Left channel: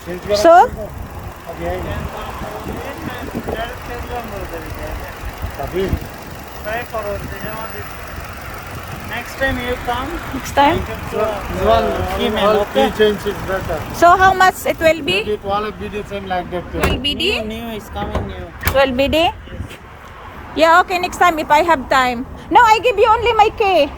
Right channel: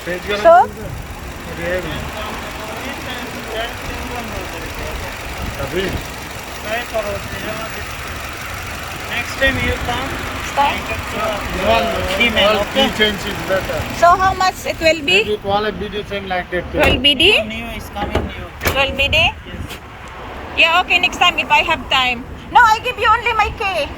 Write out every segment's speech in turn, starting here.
So, Next time you come, next time. key change is better. So, how much it will be? It all a BD thing like that. 12 BD? New is coming new. 12 BD? Yeah, okay, next time if I have time. No, I give you only my key.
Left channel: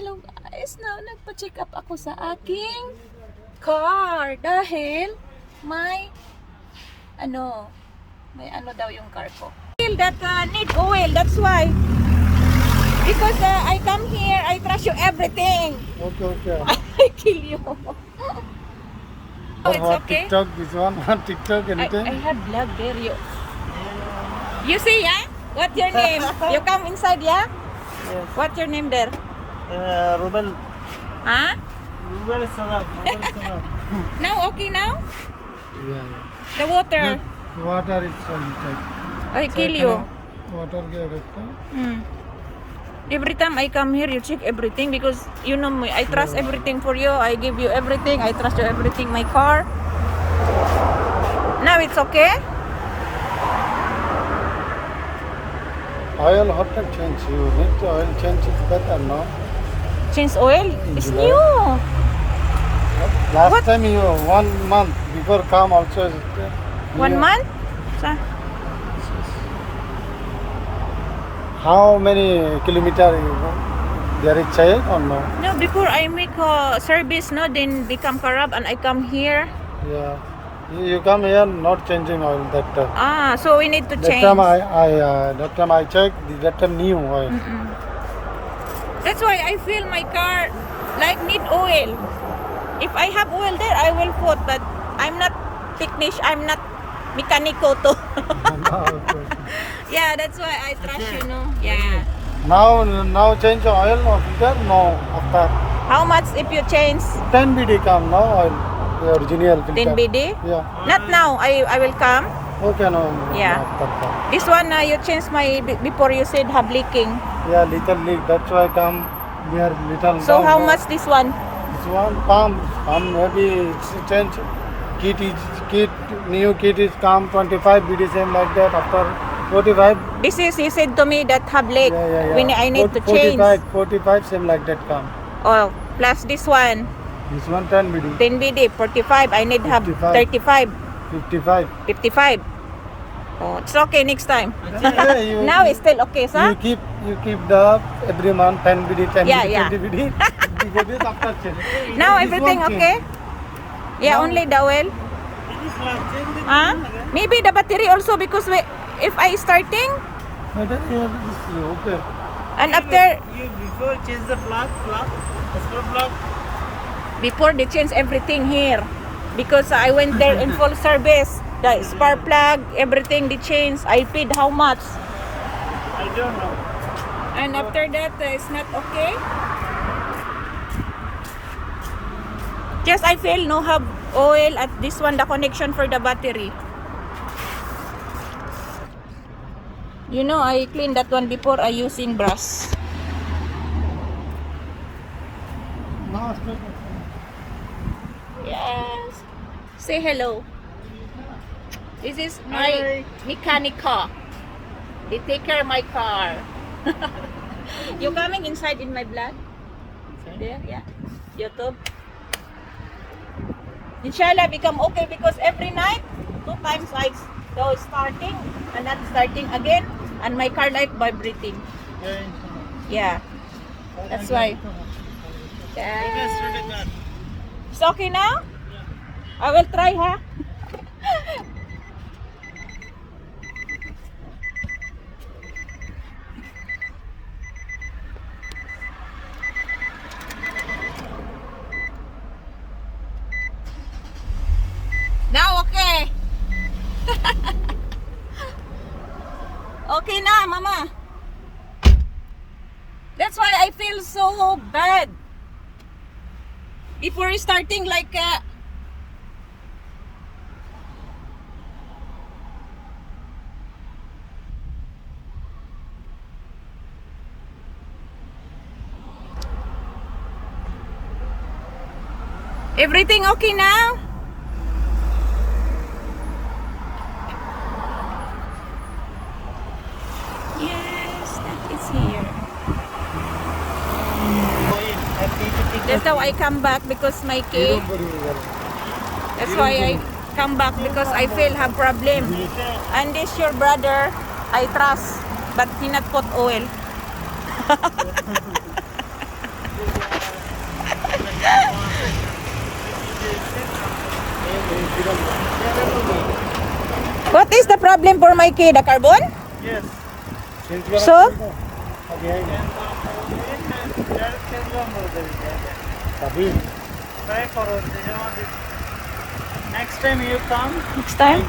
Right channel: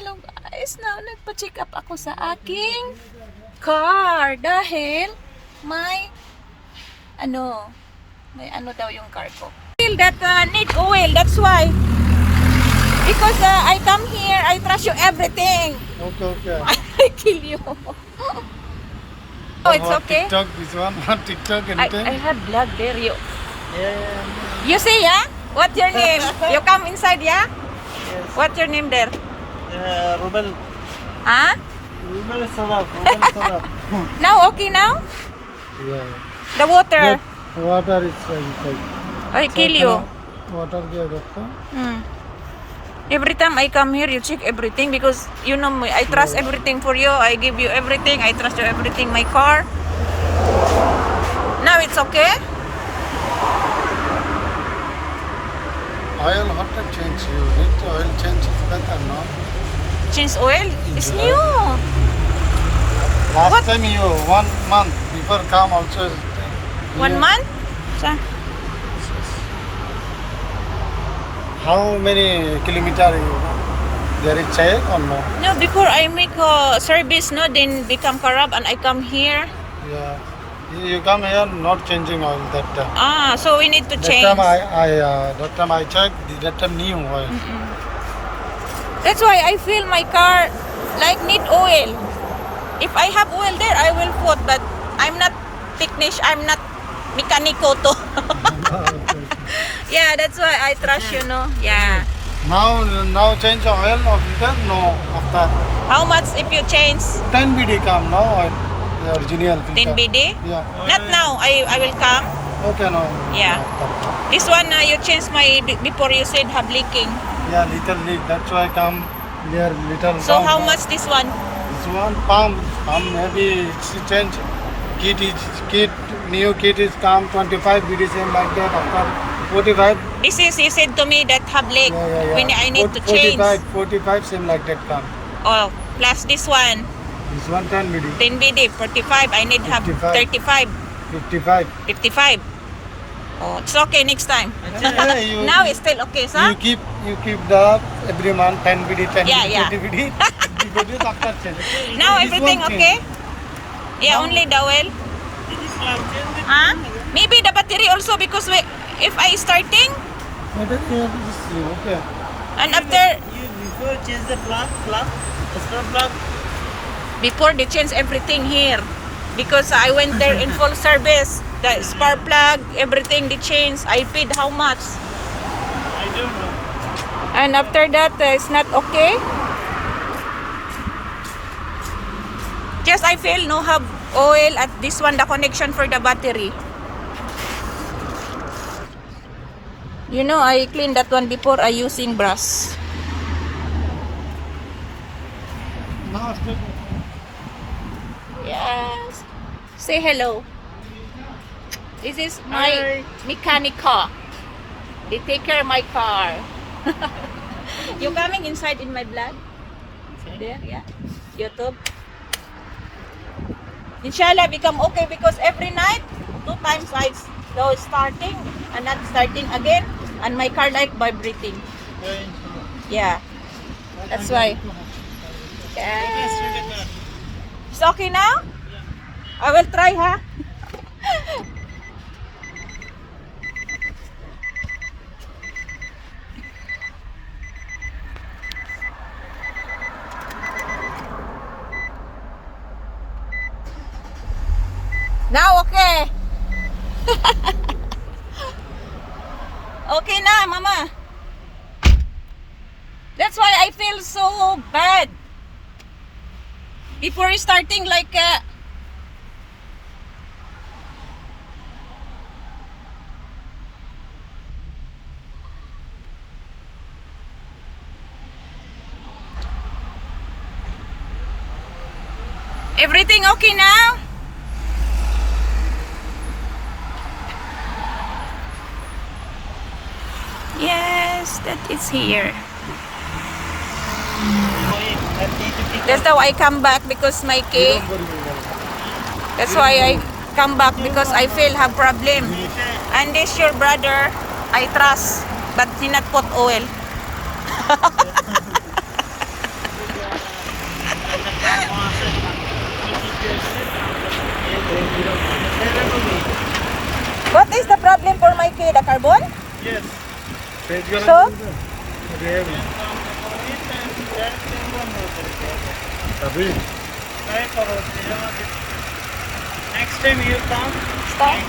Hello guys. Now, nagpa-check up ako sa aking car dahil may ano daw yung car ko. Feel that need oil, that's why. Because I come here, I trust you everything. Okay. I tell you. Oh, it's okay. TikTok, this one, TikTok, anything? I have blood there. Yeah. You see, yeah? What's your name? You come inside, yeah? Yes. What's your name there? Rubel. Huh? Rubel Sarab. Now, okay now? Yeah. The water. That water is inside. I kill you. Water gaya rakta. Every time I come here, you check everything because you know me. I trust everything for you. I give you everything. I trust you everything. My car. Now it's okay. Oil hot to change. You need to oil change is better, no? Change oil. It's new. Last What? time you 1 month before come also. 1 month. Sa? How many kilometer you there is check or no? No, before I make service, no, then become corrupt and I come here. Yeah. You come here not changing oil that time. So we need to change. That time I checked. That time new oil. That's why I feel my car like need oil. If I have oil there, I will put. But I'm not technician. I'm not mechanico to. Yeah, that's why I trust you, no? Yeah. Now change oil or filter? No. After How much if you change 10 BD come no oil. The original filter. 10 BD? Yeah. Not now. I will come. Okay no. Yeah. After come. This one you changed my before you said have leaking. Yeah, little leak. That's why come here little. So down how there. much this one? This one pump maybe it's change. Kit new kit is come 25 BD same like that after 45. This is he said to me that have leak. Yeah. When I need to change. 45 same like that come. Oh, plus this one This one 10 BD. 10 BD 45. I need have 55. 35. 55. 55. Oh, it's okay next time. Yeah, you- Now it's still okay, sir? You keep the every month 10 BD, 10 Yeah, BD, yeah. 20 BD. You go this after change. Now This everything one change. okay? Yeah, only the oil. Huh? Maybe the battery also because if I starting No, that is okay. and after You before change the plug, the spark plug. before they change everything here because I went there in full service. The spark plug, everything they changed. I paid how much? I don't know. And after that, it's not okay. Just I feel no have oil at this one, the connection for the battery. You know, I cleaned that one before I using brush. No, still. Yes. Say hello. This is my Hi. mechanica. They take care of my car. You coming inside in my blood? There, yeah. YouTube. Inshallah become okay because every night 2 times I go starting and not starting again and my car like vibrating. Yeah. That's why. Yeah. It's okay now? I will try, huh? Now, okay. Okay na, mama. That's why I feel so bad. Before starting like everything okay now? Yes, that is here. That's how I come back because my key. That's why I come back because I feel have problem. And this your brother, I trust, but he not put oil. What is the problem for my key? The carbon? Yes. So? Try for us. Next time you come. Next time?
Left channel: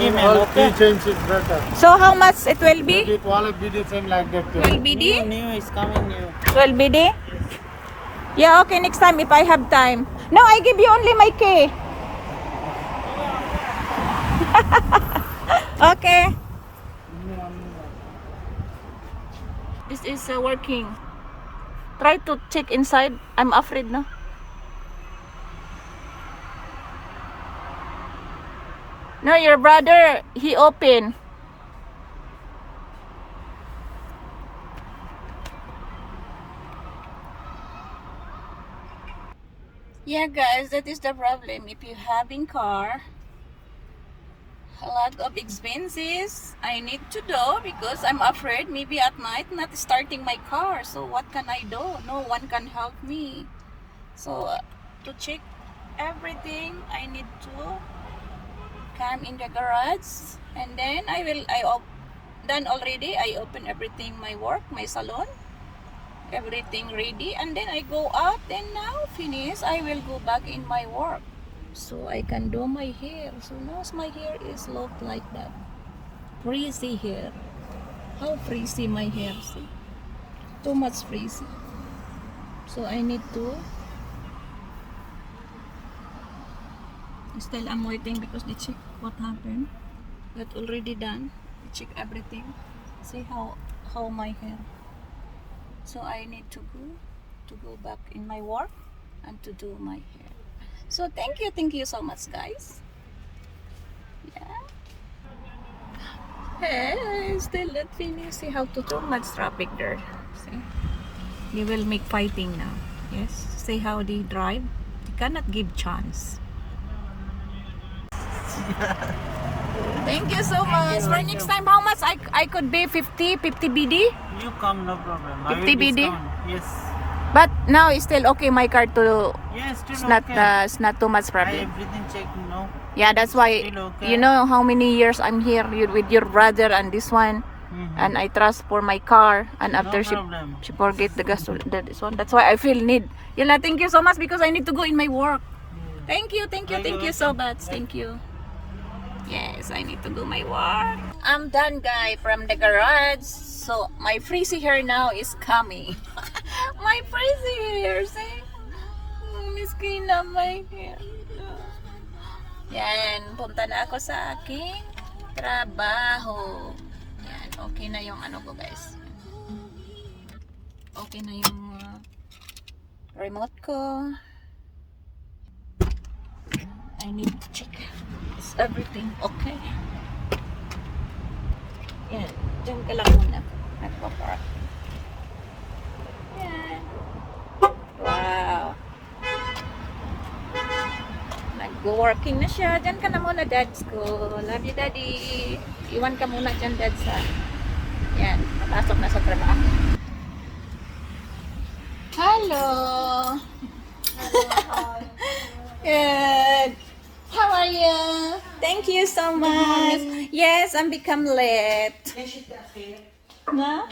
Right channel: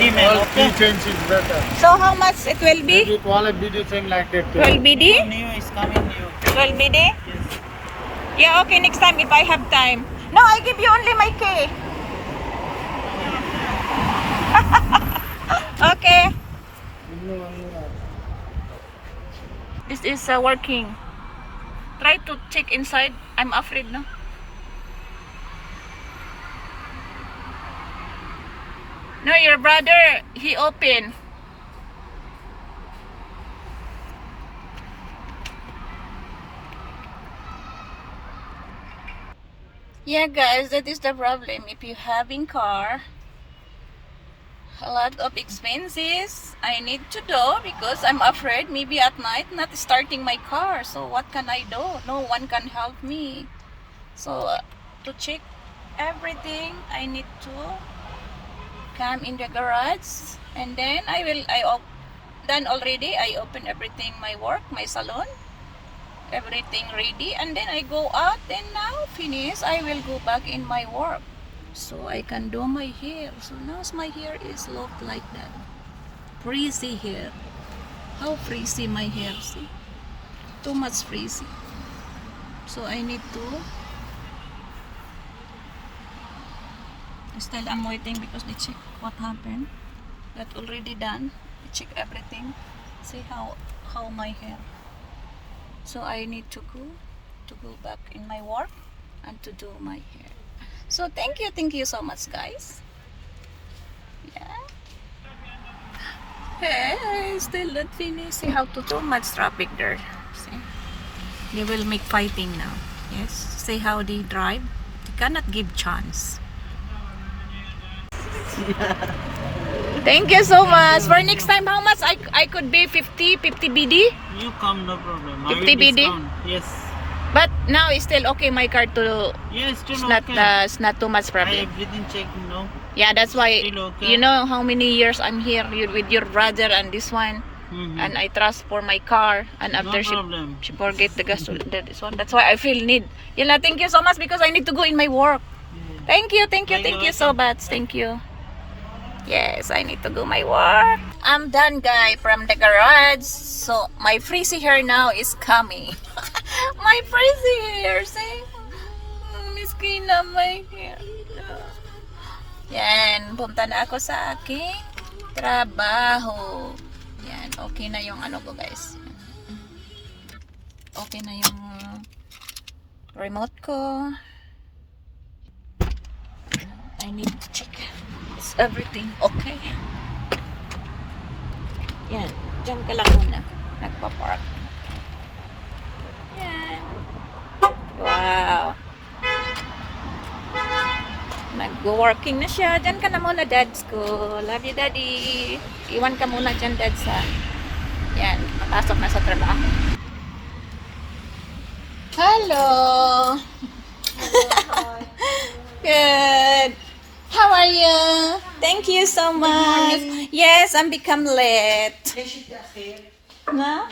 Email, okay? Key change is better. So how much it will be? Maybe 12 BD thing like that. 12 BD? New is coming new. 12 BD? Yes. Yeah, okay, next time if I have time. No, I give you only my key. Okay. This is working. Try to check inside. I'm afraid na. No, your brother, he open. Yeah, guys, that is the problem. If you having car, a lot of expenses I need to do because I'm afraid maybe at night not starting my car. So what can I do? No one can help me. So to check everything, I need to come in the garage, and then done already. I open everything, my work, my salon, everything ready, and then I go out. Then now finish, I will go back in my work, so I can do my hair. So now my hair is look like that, frizzy hair. How frizzy my hair? See, too much frizzy. So I need to. Still I'm waiting because they check what happened. That already done. They check everything. See how my hair. So I need to go back in my work and to do my hair. So thank you so much, guys. Yeah. Hey, still not finished. See how too much traffic there. See, they will make fighting now. Yes. See how they drive. They cannot give chance. Thank you so much. For next time, how much I could be 50 BD? You come, no problem. 50 I will BD? discount. Yes. But now it's still okay. My car to Yes, still it's not okay. it's not too much I problem. everything check, no. Yeah, that's why Still okay. you know how many years I'm here with your brother and this one, and I trust for my car. And after No problem. she forget the gas this one. That's why I feel need. Yala, thank you so much because I need to go in my work. Yeah. Thank you so much. Thank you. Yes, I need to do my work. I'm done, guys, from the garage. So my frizzy hair now is coming. My frizzy hair, see? Miskin na my hair. Yan, punta na ako sa aking trabaho. Yan, okay na yung ano ko, guys. Okay na yung remote ko. I need to check. Is everything okay? Yan, dyan ka lang muna. Nagpa-park. Yan. Wow. Nag-working na siya. Dyan ka na muna, dads ko. Love you, daddy. Iwan ka muna dyan, dads, ha. Yan, papasok na sa trabaho. Hello. Good. How are you? Thank you so much. Yes, I'm become late. Na?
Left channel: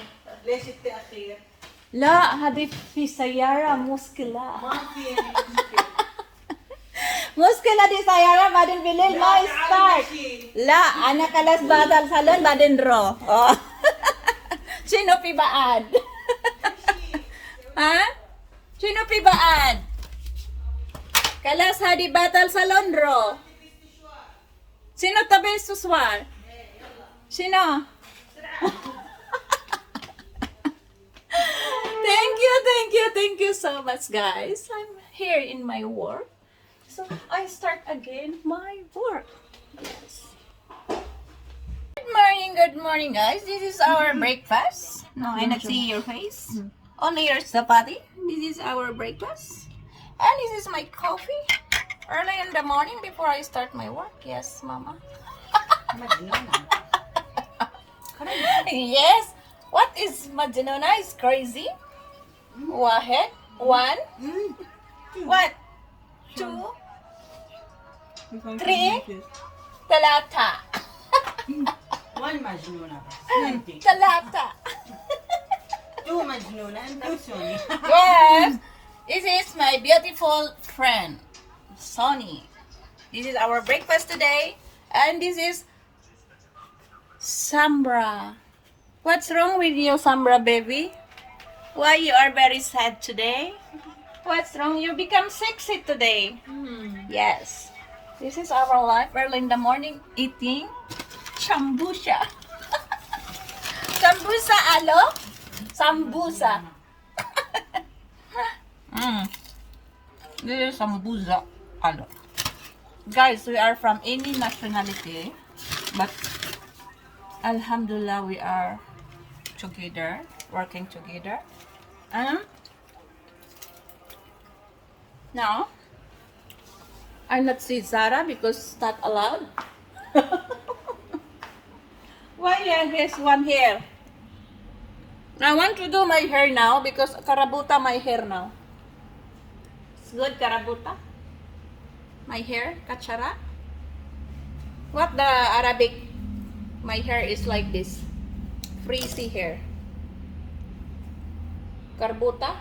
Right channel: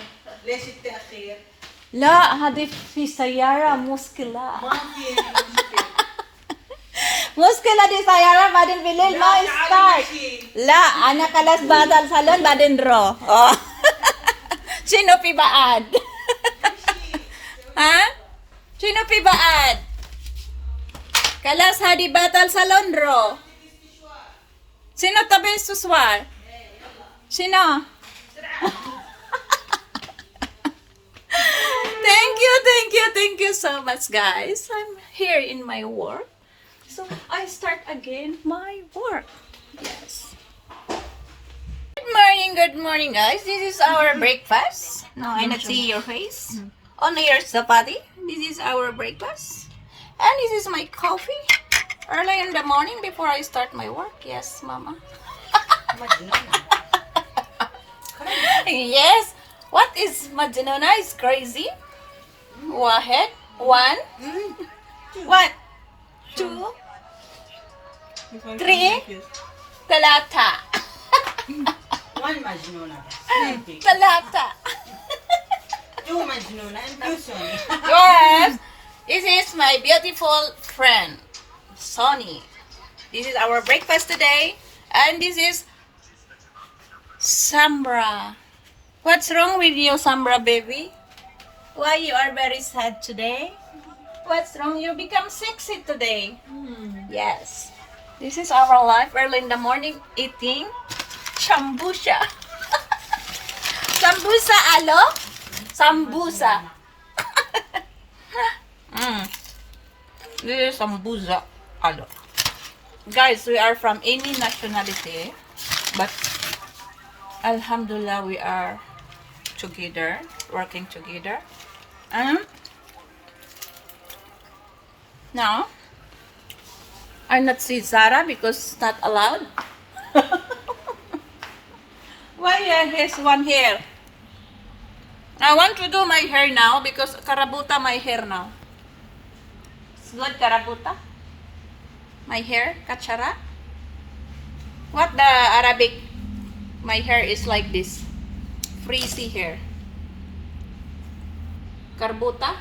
لا هذه في سيارة مشكلة. Muskila di sayara badin bilil ma start. La, anak kalas batal salon badin ro. Oh. Sino pibaad? Ha? Sino pibaad? Kalas hadi batal salon ro. Sino tabi suswar? Sino? Thank you so much, guys. I'm here in my work. So I start again my work. Yes. Good morning, guys. This is our breakfast. No, I not see your face. Only your sapati. This is our breakfast. And this is my coffee. Early in the morning before I start my work. Yes, mama. Yes. What is Majnuna is crazy? Wahed. One. What? Two. Three. Talata. One Majnuna. Talata. Two Majnuna and two Sonny. Yes. This is my beautiful friend, Sonny. This is our breakfast today. And this is Sambra. What's wrong with you, Sambra baby? Why you are very sad today? What's wrong? You become sexy today. Yes. This is our life early in the morning eating sambusa. Sambusa alo? Sambusa. This is sambusa alo. Guys, we are from any nationality, but Alhamdulillah we are together, working together. And now I not see Zara because it's not allowed. Why you have this one here? I want to do my hair now because karabuta my hair now. It's good karabuta. My hair, kachara. What the Arabic? My hair is like this. Frizzy hair. Karbuta?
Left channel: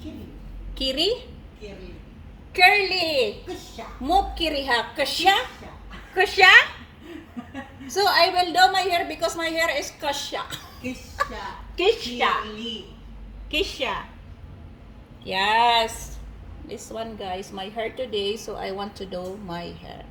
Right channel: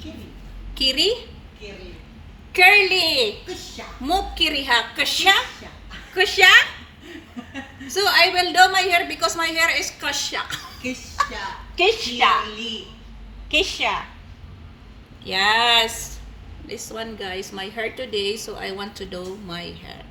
Kiri. Kiri? Kiri. Curly. Kusha. Mukiriha. Kusha? Kusha? So I will do my hair because my hair is kusha. Kisha. Kisha. Kiri. Kisha. Yes. This one guys, my hair today, so I want to do my hair.